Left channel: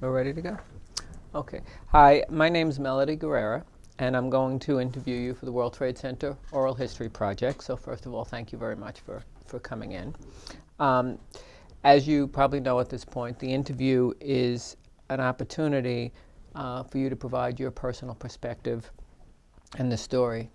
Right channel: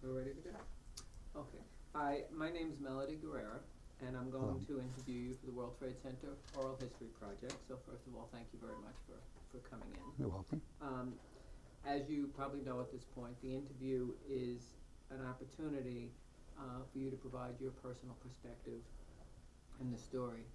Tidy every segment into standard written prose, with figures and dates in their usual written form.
We're ready to go? Okay. Hi, my name's Melody Guerrera, and I'm going to interview you for the World Trade Center Oral History Project. So first of all, thank you very much for coming in. You're welcome. As you probably know at this point, the interview is an opportunity for you to provide your personal perspective and the story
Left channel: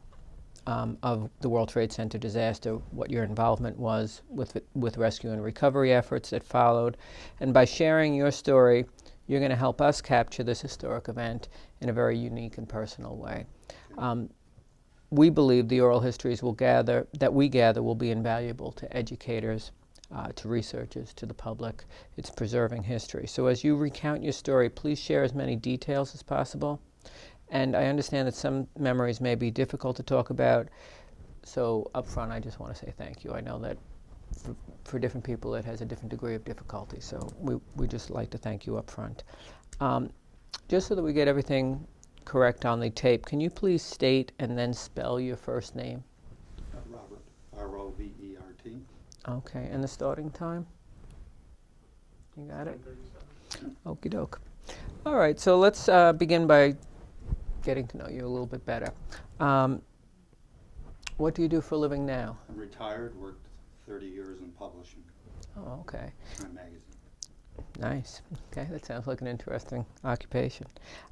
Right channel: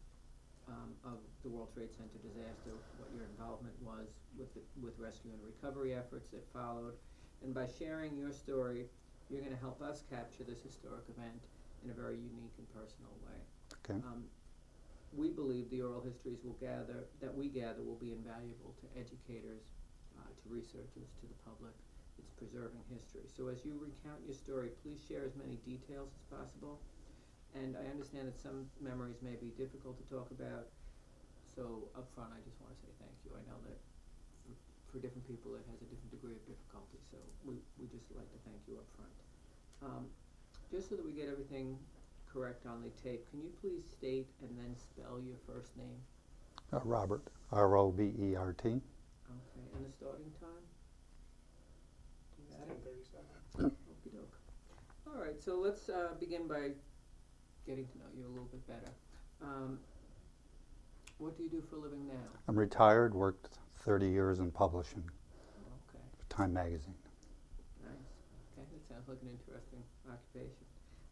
of the World Trade Center disaster, what your involvement was with rescue and recovery efforts that followed. And by sharing your story, you're going to help us capture this historic event in a very unique and personal way. Okay. We believe the oral histories that we gather will be invaluable to educators, to researchers, to the public. It's preserving history. So as you recount your story, please share as many details as possible. And I understand that some memories may be difficult to talk about, so up front I just want to say thank you. I know that for different people it has a different degree of difficulty, so we just like to thank you up front. Just so that we get everything correct on the tape, can you please state and then spell your first name? Robert, R-O-B-E-R-T. Okay, and the starting time? You got it? Okie doke. All right, so let's begin by getting to know you a little bit better. What do you do for a living now? I'm retired, worked 30 years in publishing, Oh, okay. Time Magazine. Nice. Okay, that sounds like an interesting occupation.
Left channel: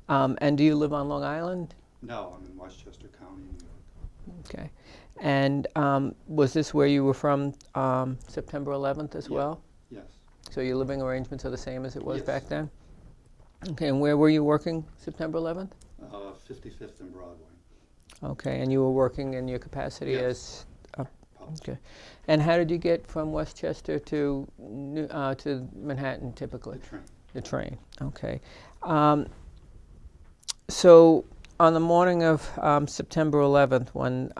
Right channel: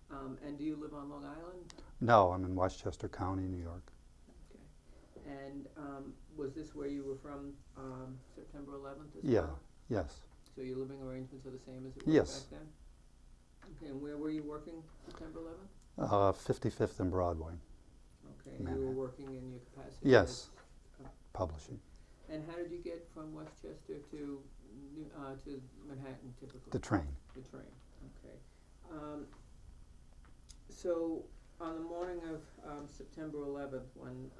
And do you live on Long Island? No, I'm in Westchester County, New York. Okay. And was this where you were from September 11th as Yeah. well? Yes. So your living arrangements are the same as it was Yes. back then? Okay, and where were you working September 11th? 55th and Broadway. Okay, and you were working in your capacity Yes. as... Publishing. Okay. And how did you get from Westchester to Manhattan typically? The train. The train, okay. So on the morning of September 11th, when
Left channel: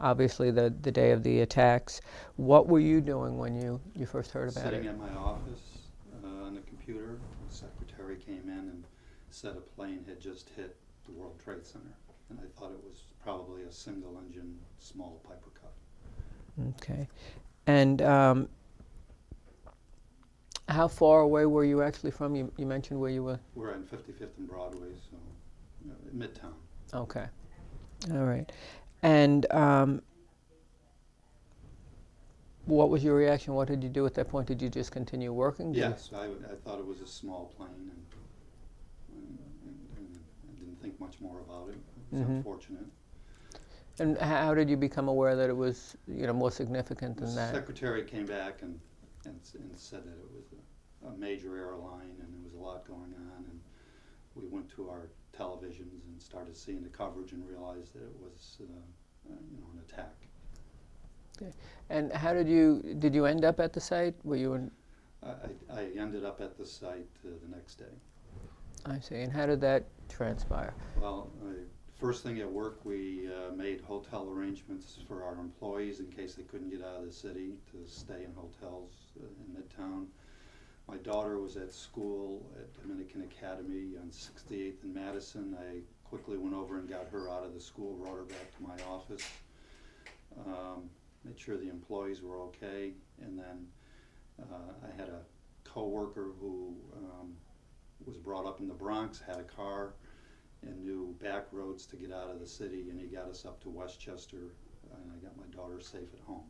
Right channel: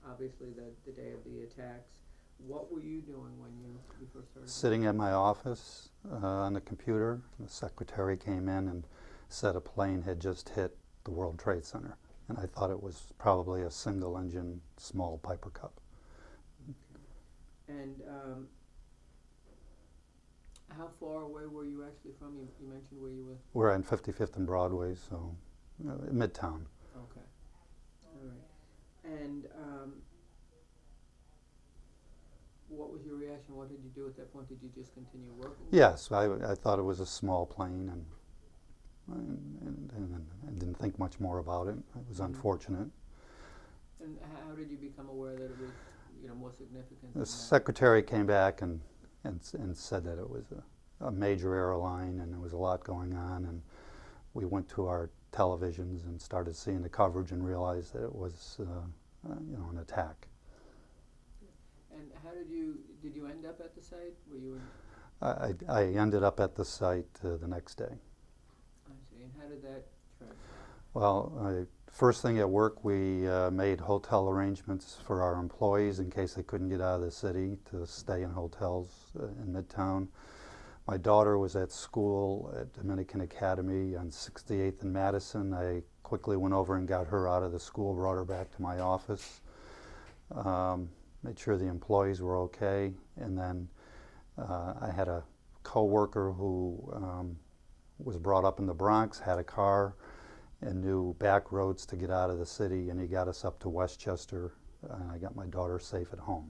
obviously the day of the attacks, what were you doing when you first heard about Sitting it? at my office on the computer, the secretary came in and said a plane had just hit the World Trade Center. And I thought it was probably a single-engine small Piper Cub. Okay. And how far away were you actually from? You mentioned where you were. We're on 55th and Broadway, so Midtown. Okay. All right. And what was your reaction? What did you do at that point? Did you just continue working? Yes, I thought it was a small plane, and I didn't think much more about it. It was unfortunate. And how did you become aware that it was, more significant The than that? secretary came back and said that it was a major airline and there was a lot going on, and we went to our televisions and started seeing the coverage and realized that it was an attack. Okay. And how did you end up at the site? Were you in? I ended up at the site the next day. I see. And how did that transpire? Well, first thing at work, we made hotel arrangements for our employees in case they couldn't get out of the city to stay in hotels in Midtown. My daughter was at school at Dominican Academy on 68th and Madison. I quickly went over and got her out of the school, brought her back to my office, made sure the employees were okay, and then I had a co-worker who was brought up in the Bronx, had a car, and knew back roads to get out of the city, and he got us up to Westchester, and I got my daughter safe at home.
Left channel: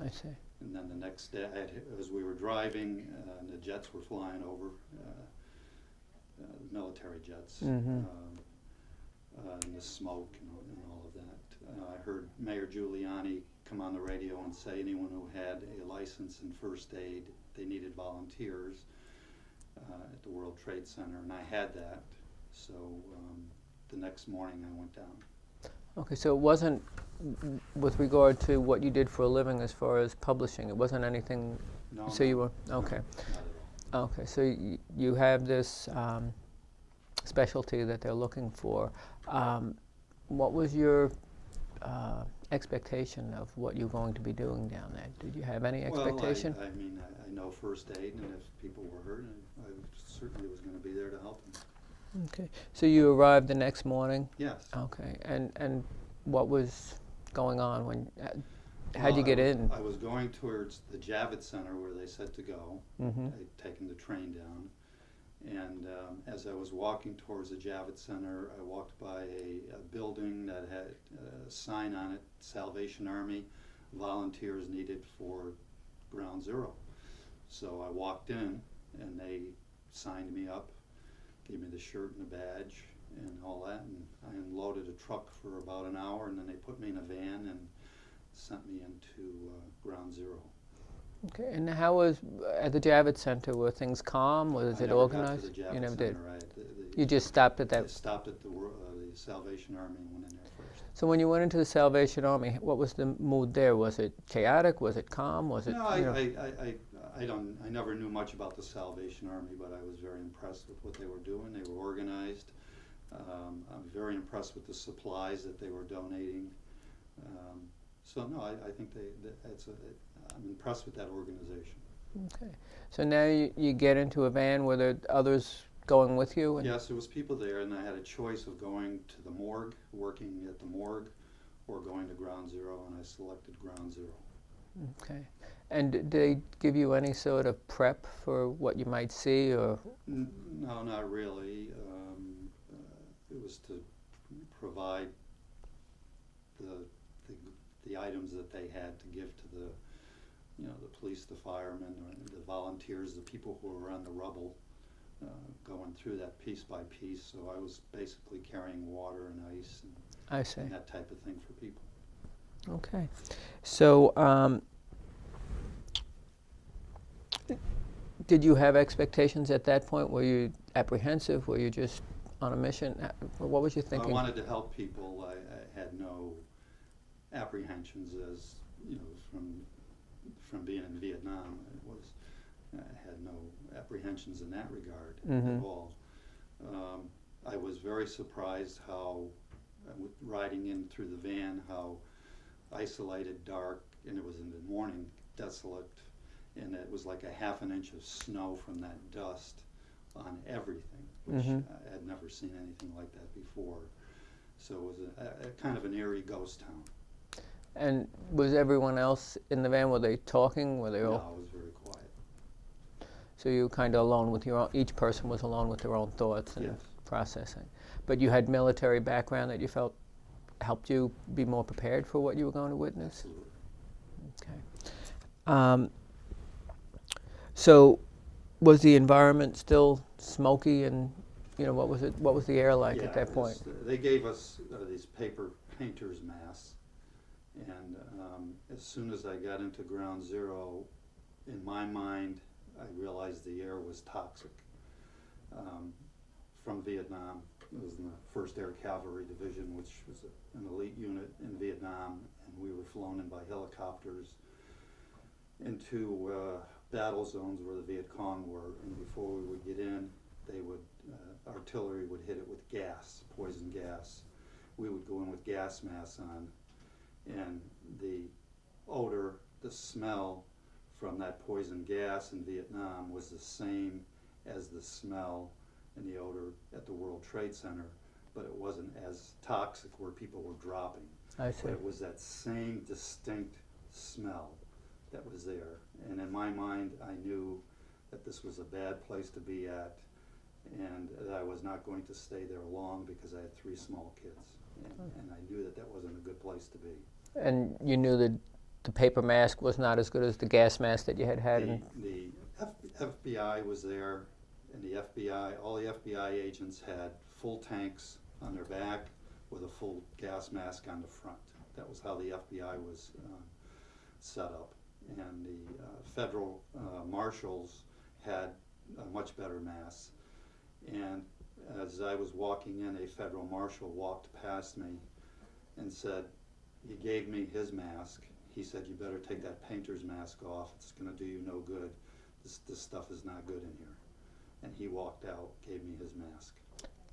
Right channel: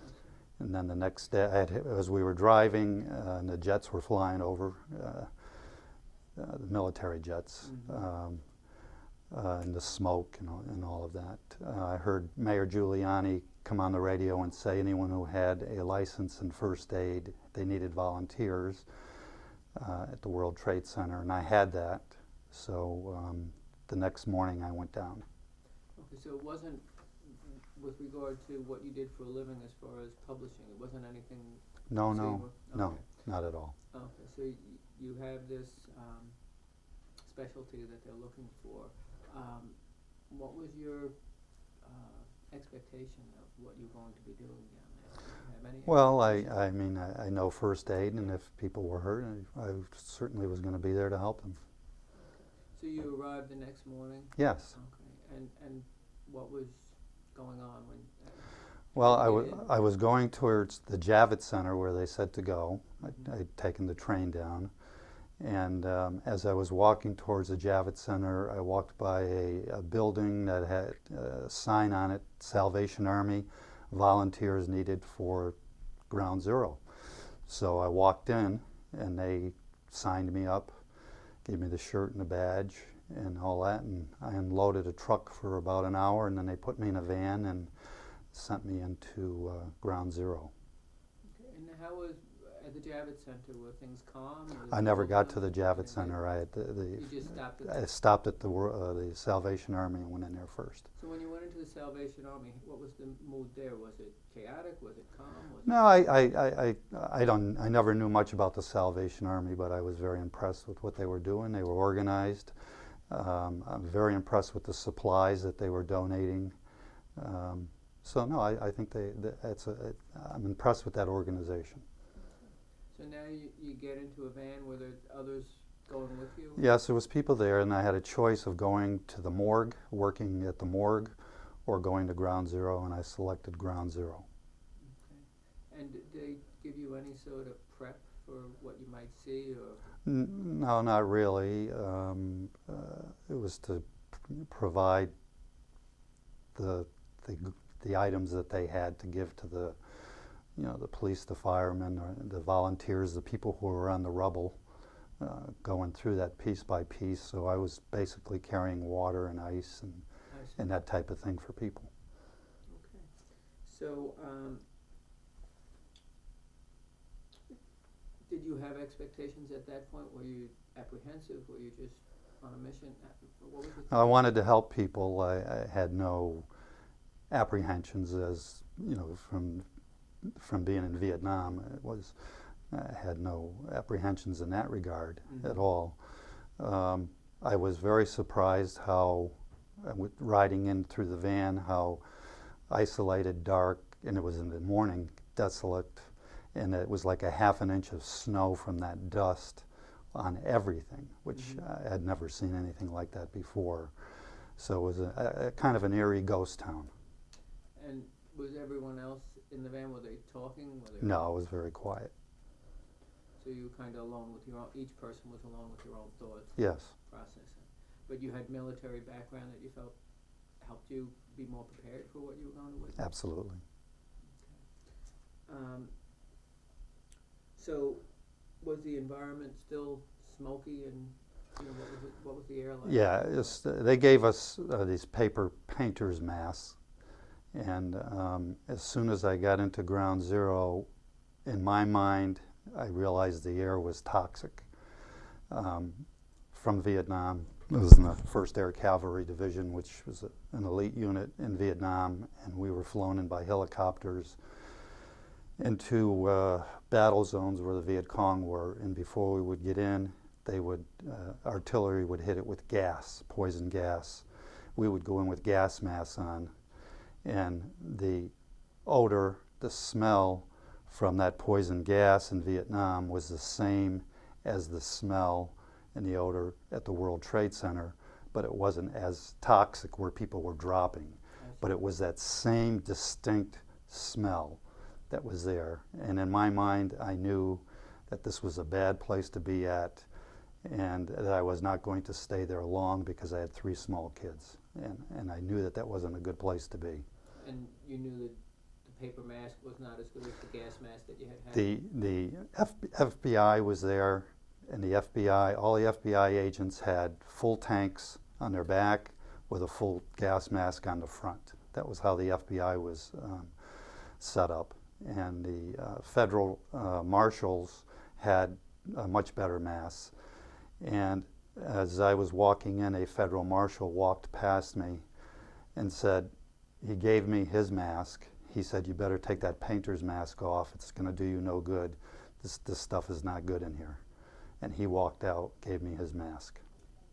I see. And then the next day, as we were driving, and the jets were flying over, the military jets, and the smoke and all of that. I heard Mayor Giuliani come on the radio and say anyone who had a license in first aid, they needed volunteers at the World Trade Center, and I had that. So the next morning I went down. Okay, so it wasn't with regard to what you did for a living as far as publishing. It wasn't anything. No, So no, you were okay. no, not at all. Okay, so you have this specialty that they're looking for. What was your expectation of what you're going to be doing down there? Did you have any expectation? Well, I mean, I know first aid, and if people were hurt, I certainly was going to be there to help them. Okay, so you arrived the next morning? Yes. Okay, and what was going on when? Well, how'd you get in? I was going towards the Javits Center where they said to go. I'd taken the train down, And as I was walking towards the Javits Center, I walked by a building that had a sign on it, Salvation Army, volunteers needed for Ground Zero. So I walked in, and they signed me up, gave me the shirt and the badge and all that, and I unloaded a truck for about an hour, and then they put me in a van and sent me into Ground Zero. Okay, and how was, at the Javits Center, were things calm? Was I it never organized? got to the You Javits never Center. did. You just stopped at I that. stopped at the Salvation Army and went in there first. So when you went into the Salvation Army, what was the mood there? Was it chaotic? Was it calm? Was it? No, I never knew much about the Salvation Army, but I was very impressed with what they were doing. They were organized. I'm very impressed with the supplies that they were donating. So no, I think I'm impressed with that organization. Okay. So now you get into a van. Were there others going with you? Yes, there was people there, and I had a choice of going to the morgue, working at the morgue, or going to Ground Zero, and I selected Ground Zero. Okay. And did they give you any sort of prep for what you might see, or? No, not really. It was to provide the items that they had to give to the police, the firemen, or the volunteers, the people who were on the rubble, going through that piece by piece. So I was basically carrying water and ice and that type of thing for people. Okay. So did you have expectations at that point? Were you apprehensive? Were you just on a mission? What was you thinking? I wanted to help people. I had no apprehensions, as from being in Vietnam. I had no apprehensions in that regard at all. I was very surprised how, riding in through the van, how isolated, dark, and it was in the morning, desolate, and it was like a half an inch of snow from that dust on everything, which I had never seen anything like that before. So it was a kind of an eerie ghost town. And was everyone else in the van, were they talking? Were they all? No, it was very quiet. So you were kind of alone with your own, each person was alone with their own thoughts and processing. But you had military background that you felt helped you be more prepared for what you were going to witness? Absolutely. Okay. So was the environment still smoky, and what was it? What was the air like at that point? They gave us these paper painter's masks, and as soon as I got into Ground Zero, in my mind, I realized the air was toxic. From Vietnam, I was in the 1st Air Cavalry Division, which was an elite unit in Vietnam, and we were flown in by helicopters into battle zones where the Viet Cong were. And before we would get in, artillery would hit it with gas, poison gas. We would go in with gas masks on, and the odor, the smell from that poison gas in Vietnam was the same as the smell and the odor at the World Trade Center, but it wasn't as toxic where people were dropping. But it was that same distinct smell that was there. And in my mind, I knew that this was a bad place to be at, and that I was not going to stay there long because I had 3 small kids. And I knew that that wasn't a good place to be. And you knew that the paper mask was not as good as the gas mask that you had had? The FBI was there, and the FBI, all the FBI agents had full tanks on their back with a full gas mask on the front. That was how the FBI was set up. And the federal marshals had much better masks. And as I was walking in, a federal marshal walked past me and said, he gave me his mask. He said, "You better take that painter's mask off. It's going to do you no good. This stuff is not good in here." And he walked out, gave me his mask.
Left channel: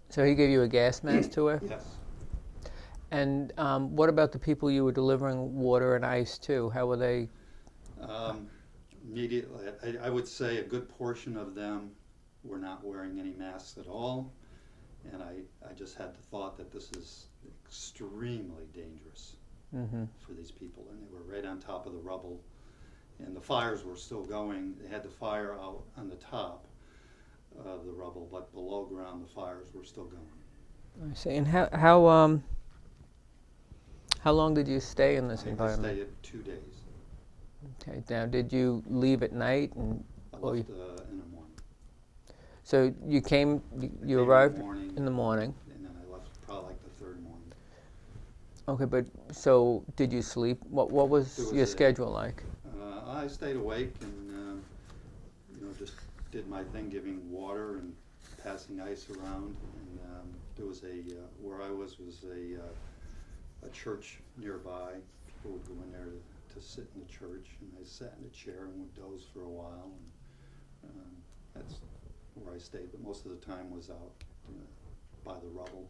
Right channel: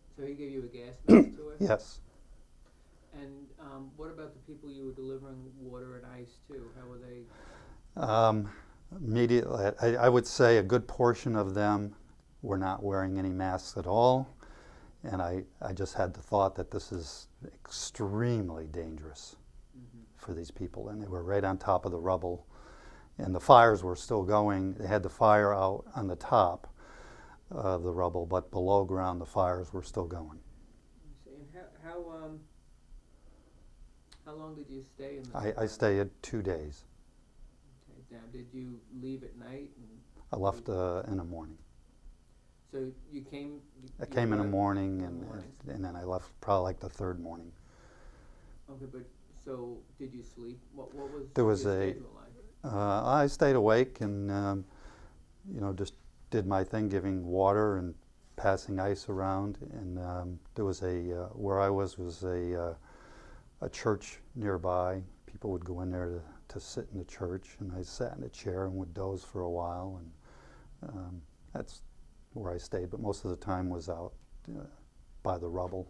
So he gave you a gas mask to wear? Yes. And what about the people you were delivering water and ice to? How were they? Immediately, I would say a good portion of them were not wearing any masks at all. And I just had the thought that this is extremely dangerous for these people. And they were right on top of the rubble. And the fires were still going. They had the fire out on the top. the rubble, but below ground the fires were still going. I see. And how long did you stay in this I environment? stayed 2 days. Okay. Now, did you leave at night and? I left in the morning. So you came. I You came arrived in the morning. in the morning. And then I left probably like the third morning. Okay, but so did you sleep? What was your schedule like? I stayed awake and just did my thing, giving water and passing ice around. And there was where I was a church nearby. People would go in there to sit in the church, and I sat in a chair and would doze for a while, and that's where I stayed. But most of the time was out by the rubble.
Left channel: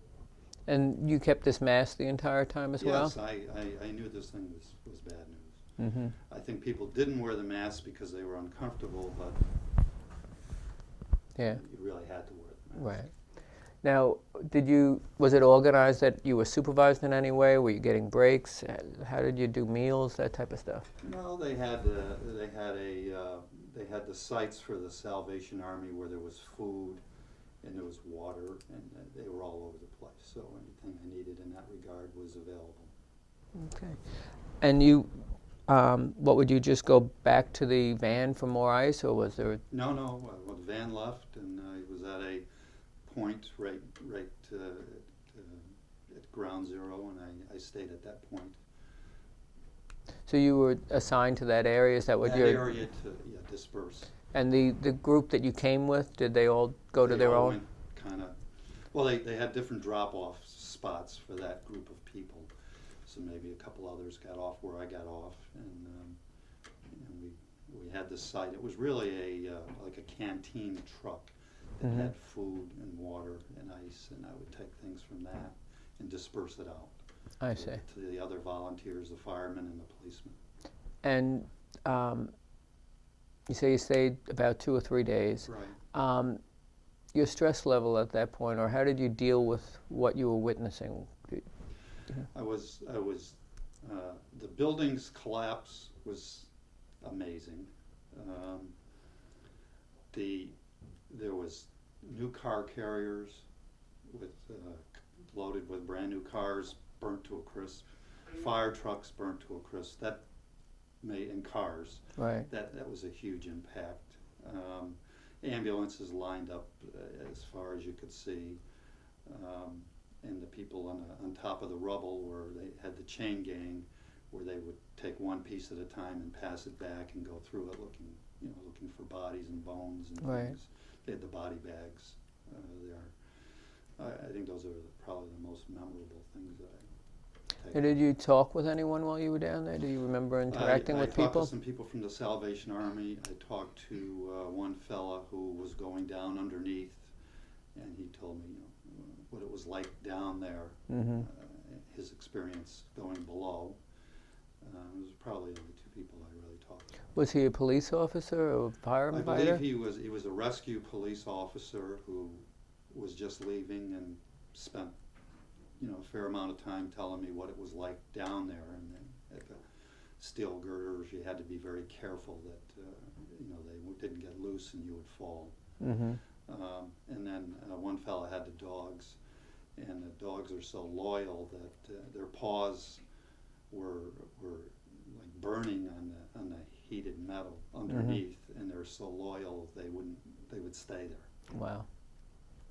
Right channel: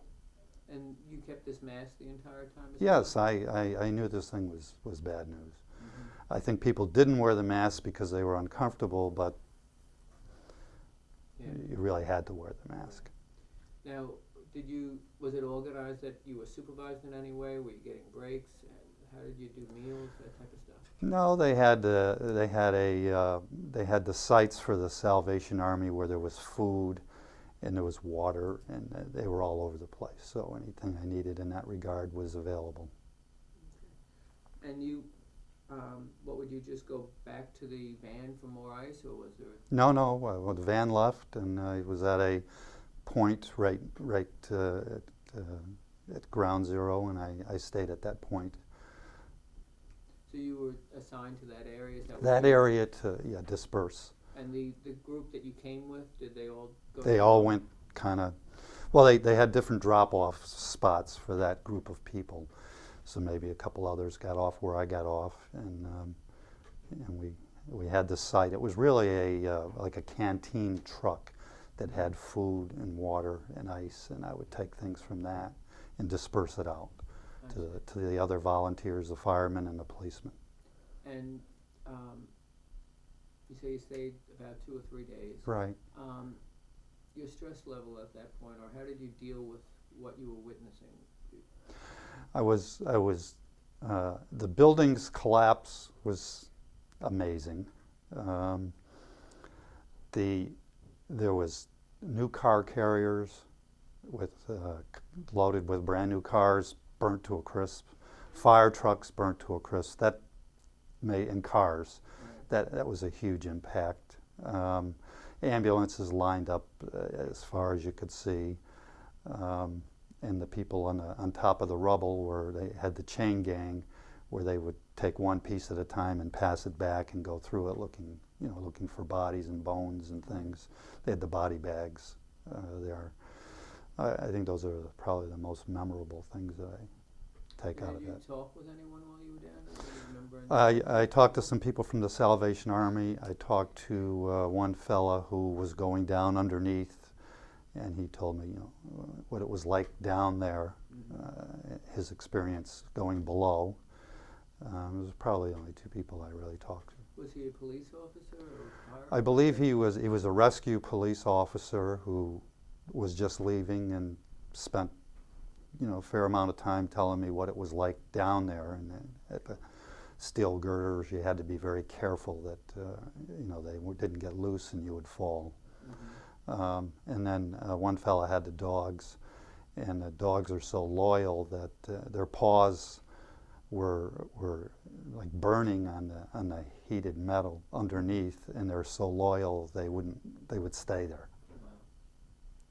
And you kept this mask the entire time as well? Yes, I knew this thing was bad news. Mm-hmm. I think people didn't wear the mask because they were uncomfortable, but yeah, you really had to wear the mask. Right. Now, was it organized that you were supervised in any way? Were you getting breaks? How did you do meals, that type of stuff? No, they had the sites for the Salvation Army where there was food and there was water, and they were all over the place. So anything I needed in that regard was available. Okay. And you, what would you just go back to the van for more ice, or was there? No. Well, the van left, and it was at a point right at ground zero, and I stayed at that point. So you were assigned to that area? Is that what that area to disperse? And the group that you came with, did they all go to their own? They all went kind of, well, they had different drop-off spots for that group of people. So maybe a couple others got off where I got off, and we had this site. It was really like a canteen truck that Mm-hmm. had food and water and ice, and I would take things from that and disperse it out to the other volunteers, the firemen and the policemen. And you say you stayed about 2 or 3 days. Right. Your stress level at that point, or how did you deal with what you were witnessing? The building's collapse was amazing. There was new car carriers loaded with brand new cars burnt to a crisp, fire trucks burnt to a crisp. And cars. Right. That was a huge impact. Ambulances lined up as far as you could see, and the people on top of the rubble where they had the chain gang, where they would take one piece at a time and pass it back and go through it looking for bodies and bones and Right. things. They had the body bags there. I think those are probably the most memorable things that I take. And out did of you that. talk with anyone while you were down there? Do you remember interacting I with talked people? to some people from the Salvation Army. I talked to one fella who was going down underneath, and he told me, what it was like down there, Mm-hmm. his experience going below. It was probably only two people I really talked to. Was he a police officer or a firefighter? I believe he was a rescue police officer who was just leaving and spent a fair amount of time telling me what it was like down there, and then at the steel girders you had to be very careful that they didn't get loose and you would fall. Mm-hmm. And then one fella had the dogs, and the dogs are so loyal that their paws were like burning on the heated metal underneath, Mm-hmm. and they're so loyal they would stay there. Wow.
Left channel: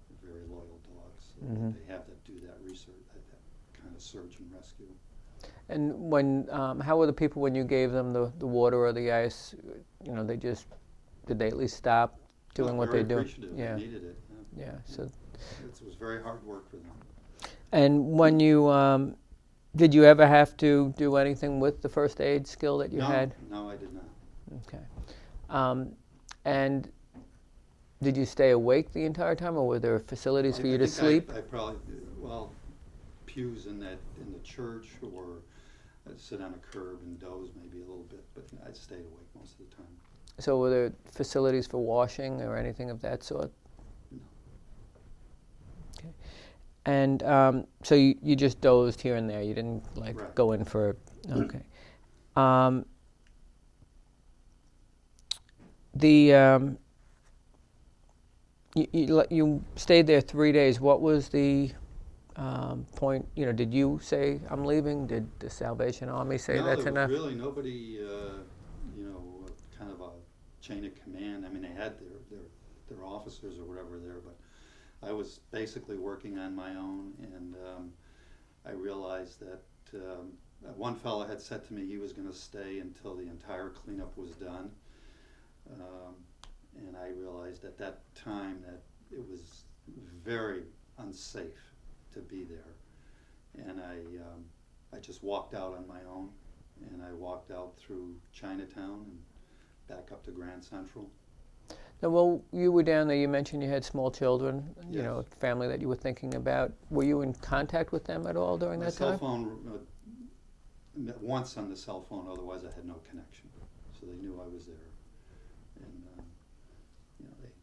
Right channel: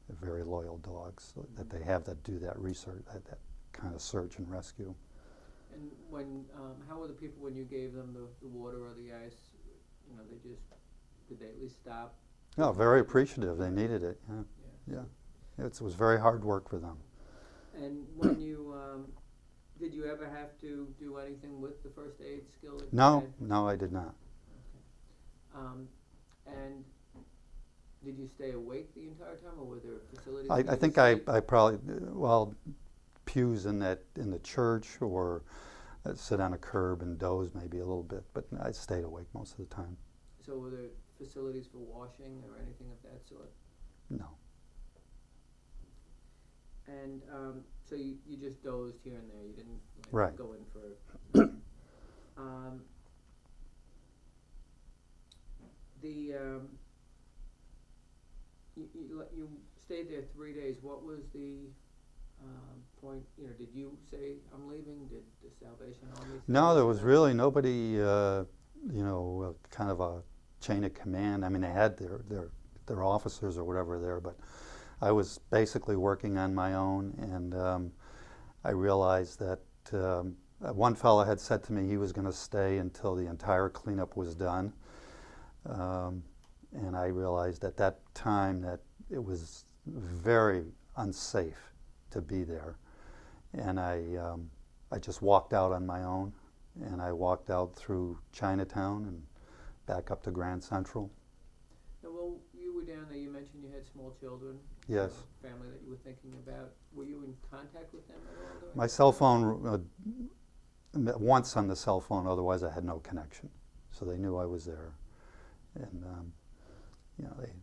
They're very loyal dogs, so Mm-hmm. that they have that do that research, that kind of search and rescue. And how were the people when you gave them the water or the ice? Did they at least stop doing what very they do? appreciative. Yeah. They needed it. Yeah. Yeah. So, It was very hard work for them. and when you did you ever have to do anything with the first aid skill that you had? No, I did not. Okay. And did you stay awake the entire time, or were there facilities for you to sleep? I think I probably, pews in the church, or I'd sit on a curb and doze maybe a little bit, but I stayed awake most of the time. So were there facilities for washing or anything of that sort? No. Okay. And so you just dozed here and there. You didn't Right. go in for. Okay. You stayed there 3 days. What was the point? Did you say I'm leaving? Did the Salvation Army say No, that's there was enough? really nobody, kind of a chain of command. I mean, they had their officers or whatever there, but I was basically working on my own, and I realized that one fellow had said to me he was going to stay until the entire cleanup was done. And I realized at that time that it was very unsafe to be there. And I just walked out on my own, and I walked out through Chinatown and back up to Grand Central. Now, well, you were down there. You mentioned you had small children. Yes. A family that you were thinking about. Were you in contact with them at all during My that cell time? phone, once on the cell phone, otherwise I had no connection. So they knew I was there. And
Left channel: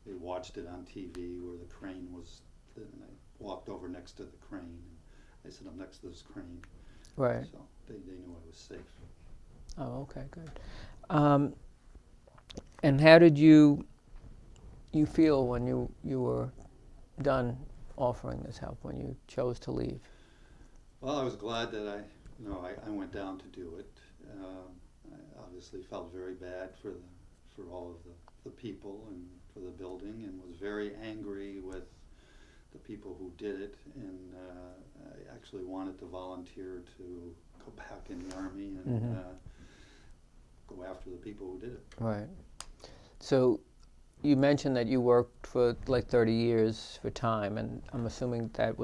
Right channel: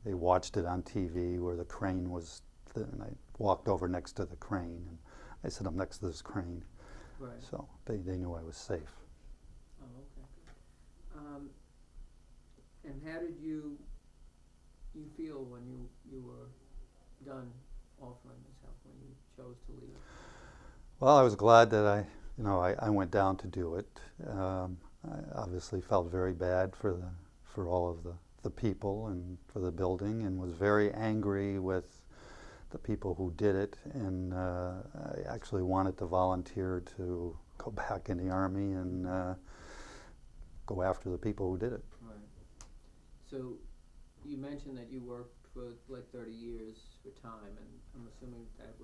they watched it on TV where the crane was, and I walked over next to the crane, and I said, I'm next to this crane. Right. So they knew I was safe. Oh, okay, good. And how did you feel when you were done offering this help, when you chose to leave? Well, I was glad that I went down to do it. I obviously felt very bad for all of the people and for the building, and was very angry with the people who did it, and I actually wanted to volunteer to go back in the Army and go after the people who did it. Right. So you mentioned that you worked for like 30 years for time, and I'm assuming that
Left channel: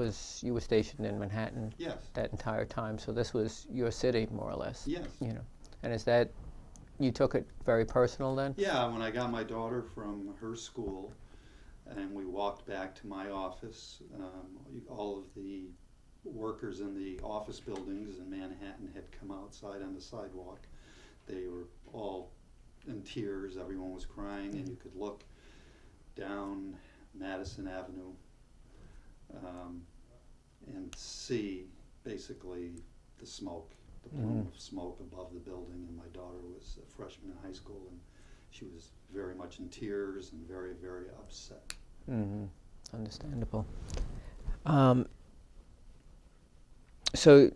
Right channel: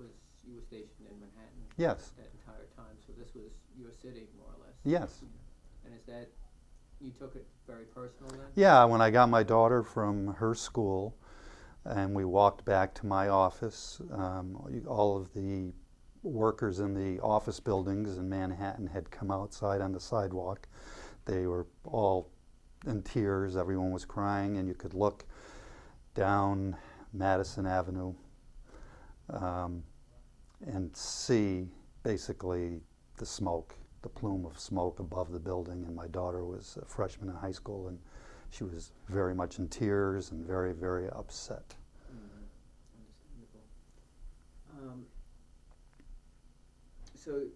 you were stationed in Manhattan. Yes. That entire time. So this was your city, more or less. Yes. And is that, you took it very personal then? Yeah, when I got my daughter from her school and we walked back to my office, all of the workers in the office buildings in Manhattan had come outside on the sidewalk. They were all in tears, everyone was crying, and you could look down Madison Avenue and see basically the smoke, the plume of smoke above the building. And my daughter was a freshman in high school, and she was very much in tears and very, very upset. Understandable. So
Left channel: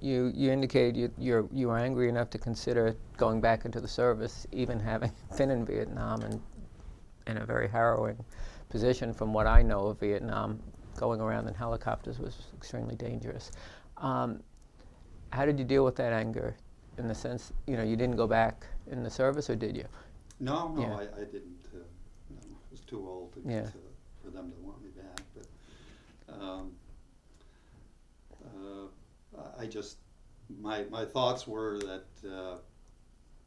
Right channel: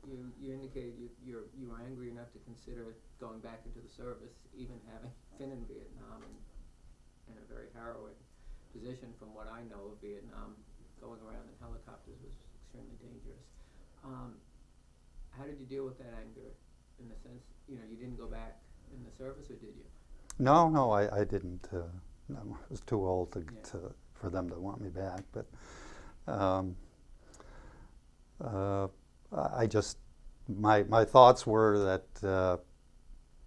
you indicated you were angry enough to consider going back into the service, even having been in Vietnam and in a very harrowing position. From what I know of Vietnam, going around in helicopters was extremely dangerous. How did you deal with that anger, in the sense, you didn't go back in the service, or did you? No, Yeah. I didn't. No, I was too old for them to want me back. But I just, my thoughts were that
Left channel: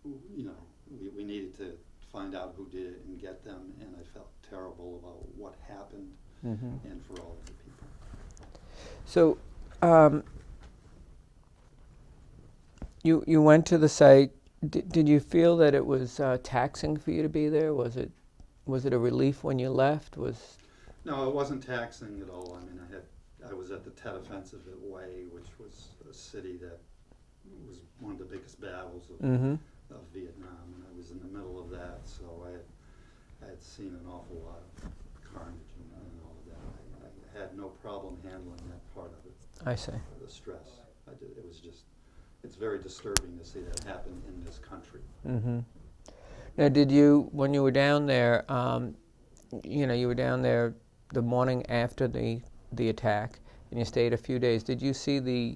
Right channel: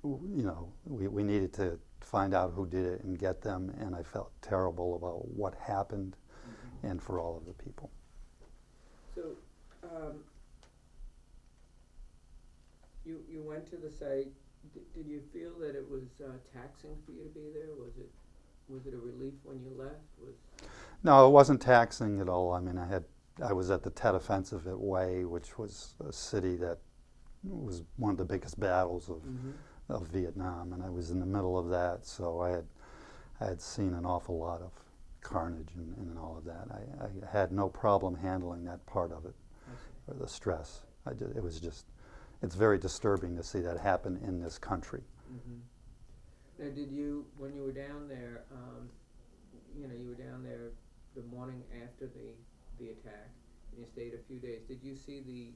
we needed to find out who did it and get them, and I felt terrible about what happened, and for all of the people. So you went to the site. Did you feel that it was taxing for you to be there? Was it a relief when you left? No, it wasn't taxing at all. I mean, I was at the Tet Offensive at Hue, which was a city that was one of the biggest battles of Vietnam, and I was in the middle of that, so I had seen an awful lot of carnage and all of that. I had no problem handling that part of it. I see. The stress. It's very disturbing to see that happen in this country. Now, when you were down there, you were down there the morning after the attack, and you stayed a few days. Did you see the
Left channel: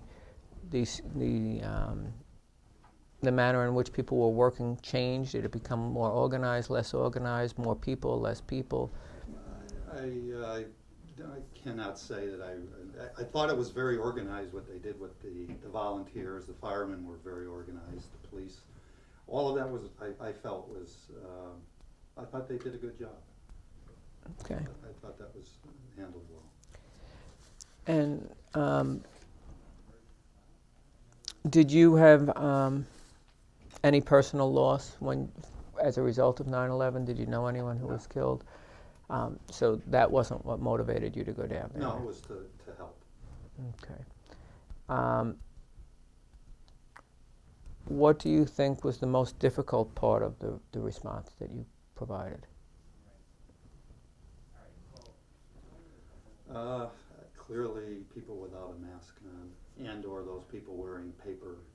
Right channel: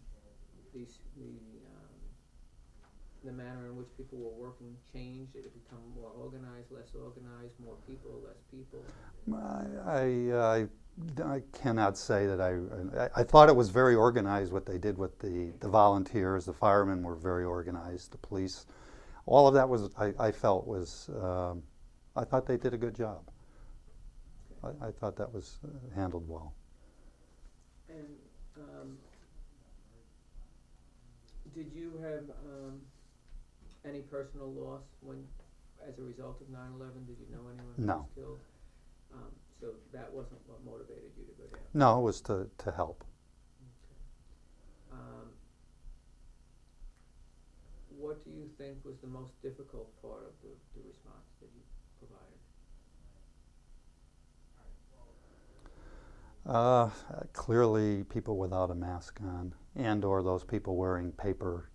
manner in which people were working change? Did it become more organized, less organized, more people, less people? I cannot say that I thought it was very organized what they did with the volunteers. The firemen were very organized, the police. All of that was, I felt was, I thought they did a good job. Okay. I thought that was handled well. And did you have any personal loss as a result of 9/11? Did you know anyone who was killed? So that wasn't what motivated you to go down there? No, it was to help. Okay. What do you think was the most difficult part of the response that you provided? Clearly, people without a mask on, and or those people wearing paper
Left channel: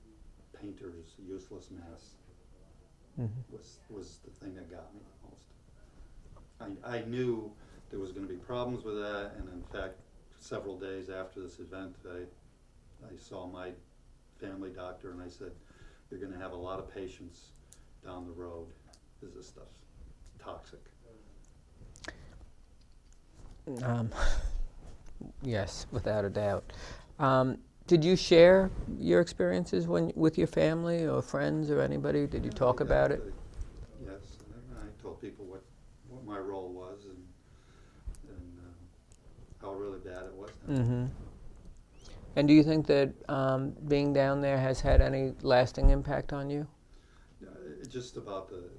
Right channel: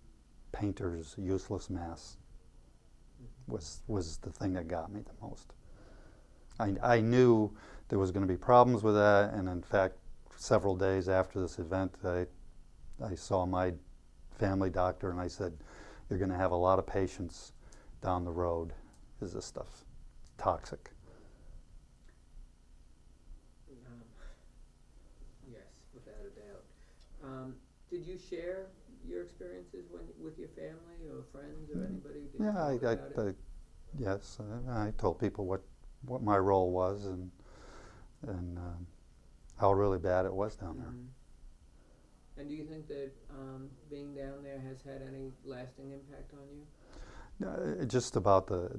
painters' useless masks was the thing that got me the most. I knew there was going to be problems with that, and in fact, several days after this event, I saw my family doctor, and I said, "You're going to have a lot of patients down the road. Is this stuff toxic?" Yes, without a doubt. Did you share your experiences with your family or friends or anybody? Did you talk about it? Yes, I told people what my role was and how really bad it was down there. And do you think that being down there has had any lasting impact on you? Just about the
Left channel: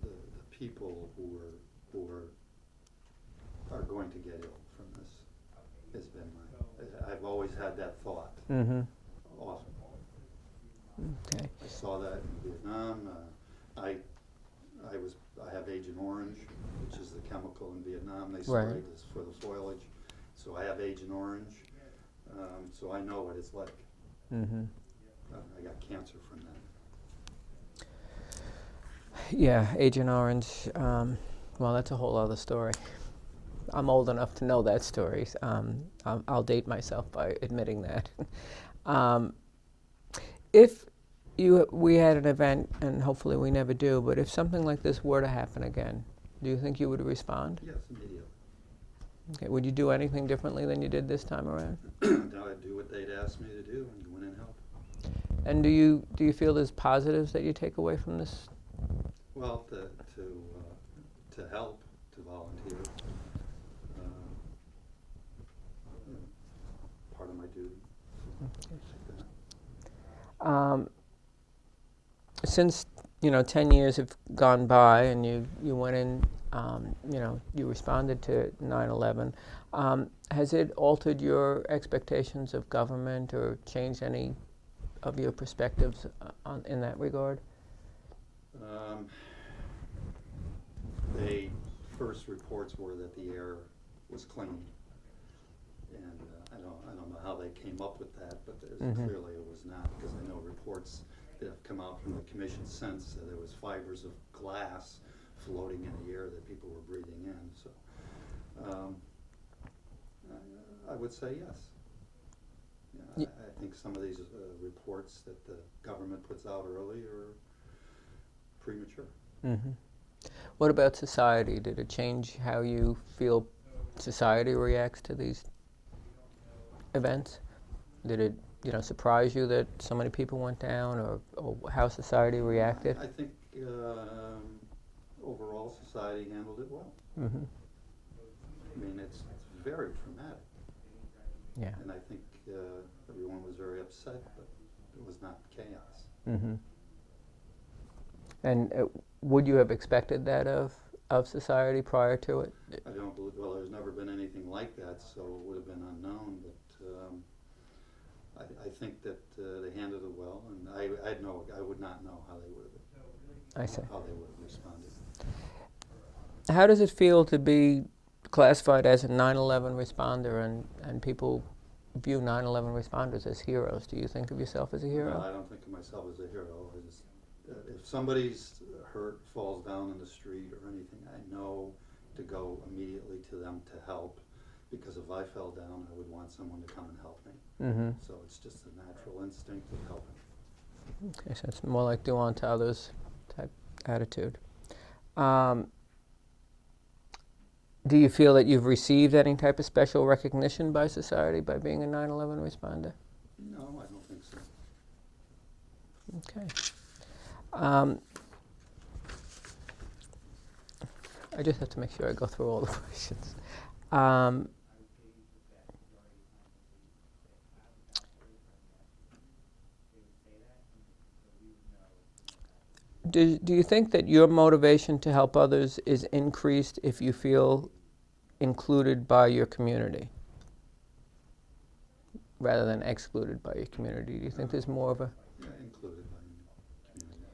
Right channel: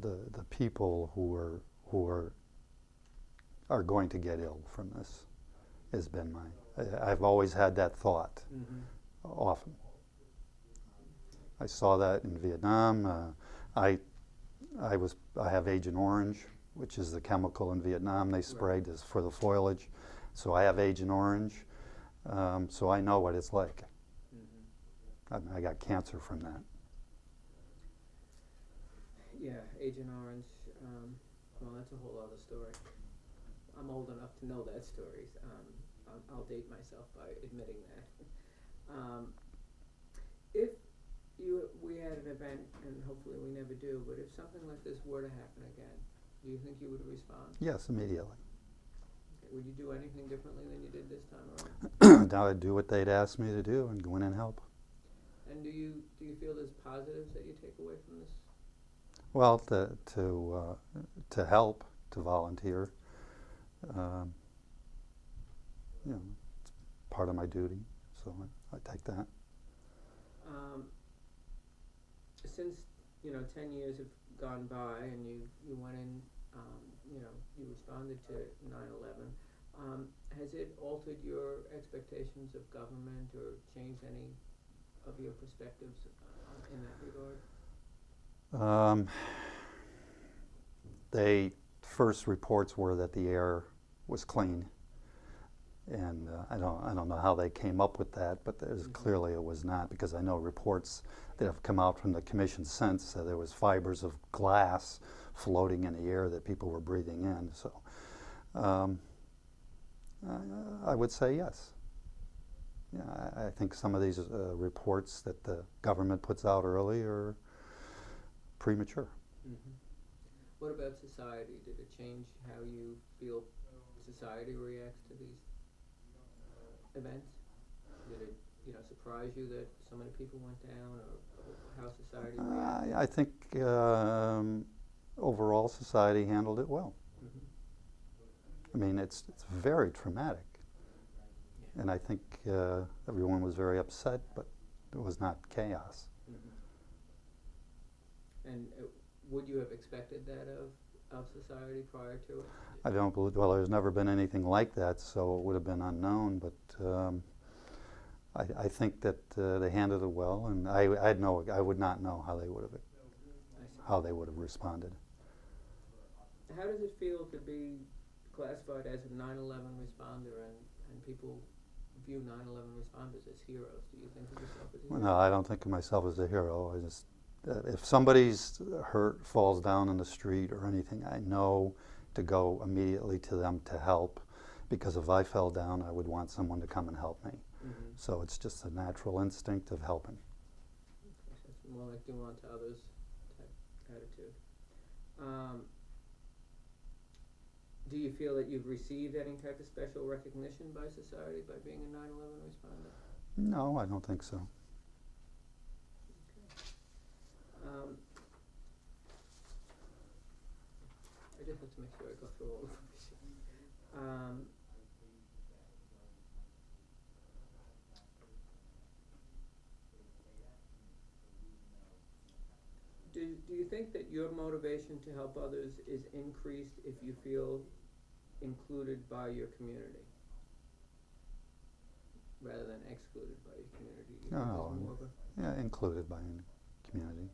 people who are going to get ill from this has been I've always had that thought often. Okay. I saw that in Vietnam. I have Agent Orange, which is the chemical in Vietnam they sprayed for the foliage. So I have Agent Orange, so I know what it's like. I got cancer from that. Yeah, Agent Orange. Well, that's a whole other story. I'm old enough to know that story. I'll date myself by admitting that. If we had an event, and hopefully we never do, but if something like this were to happen again, do you think you would respond? Yes, immediately. Okay. Would you do anything differently than you did this time around? Now I'd do what they'd asked me to do and go in and help. And do you feel there's positives that you take away from this? Well, to help, to volunteer, it's part of my duty, so I take that. Since 10 years have gone by, and you went in, you responded to 9/11. Has it altered your expectations of government or changed any of your perspectives in that regard? First reports were that the air was clean, and I don't know how they came up with that, but clearly it was not, because I know reports that have come out from the commission since that there was fibers of glass floating in the air that people were breathing in. So I would say yes. Yeah, I think some of these reports that the government puts out early are premature. What about society? Did it change how you feel society reacts to these events? Did it surprise you that so many people went down, or how society reacted? I think overall society handled it well. I mean, it's very traumatic. Yeah. And I think everyone was very upset, but it was not chaos. And would you have expected that of society prior to it? I don't believe, well, there's never been anything like that, so it would have been unknown, but I think that they handled it well, and I would not know how they would have responded. How does it feel to be classified as a 9/11 responder, and people view 9/11 responders as heroes? Do you think of yourself as a hero? No, I don't think of myself as a hero. I just, if somebody's hurt, falls down in the street or anything, I know to go immediately to them to help, because if I fell down, I would want someone to come and help me. So it's just a natural instinct of helping. Okay, so it's more like do unto others type attitude. Do you feel that you've received any type of special recognition by society by being a 9/11 responder? No, I don't think so. Okay. I just have to make sure I go through all the questions. Do you think that your motivation to help others is increased if you feel included by your community rather than excluded by your community? Do you think there's more of a... Yeah, included by community.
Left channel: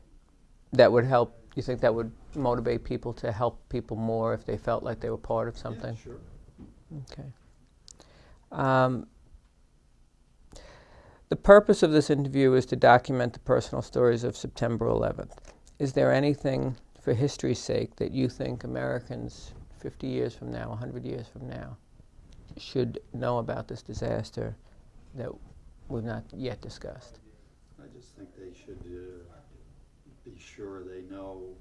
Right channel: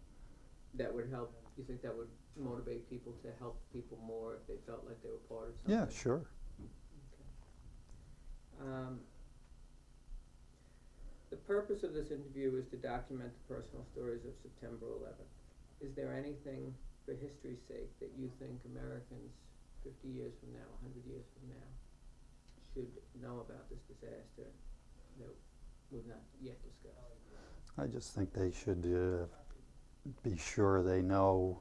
That would help, you think that would motivate people to help people more if they felt like they were part of something? Yeah, sure. Um, the purpose of this interview is to document the personal stories of September 11th. Is there anything, for history's sake, that you think Americans 50 years from now, 100 years from now, should know about this disaster that we've not yet discussed? I just think they should be sure they know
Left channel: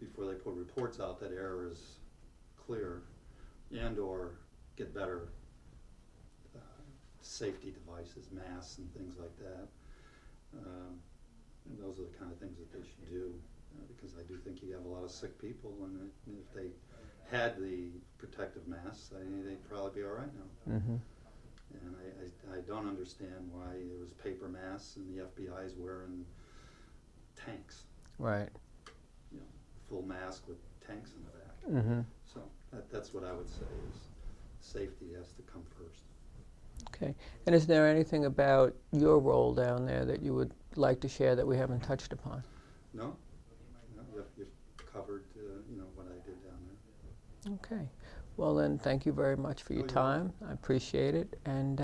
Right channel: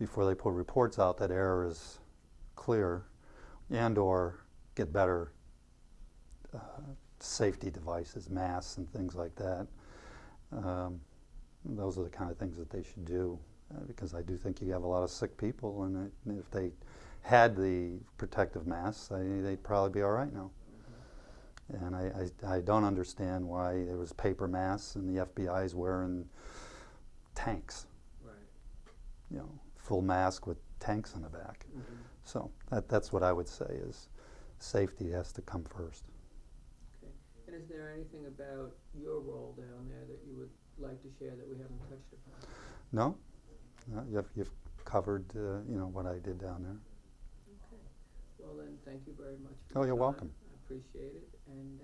before they put reports out that error is clear, and or get better safety devices, masks and things like that. Those are the kind of things that they should do, because I do think you have a lot of sick people, and if they had the protective masks, they'd probably be all right now. Mm-hmm. And I don't understand why there was paper masks and the FBI's wearing tanks. Right. You know, full mask with tanks in the back. Mm-hmm. So that's what I would say is safety has to come first. Okay. And is there anything about your role down there that you would like to share that we haven't touched upon? No, you've covered what I did down there. Okay. Well then, thank you very much for your you're time. welcome. I appreciate it, and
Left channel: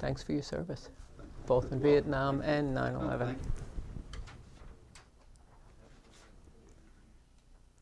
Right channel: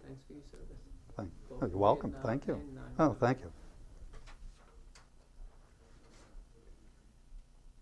thanks for your service, Thank you. both You're in welcome. Vietnam Thank you. and 9/11. Oh, thank you.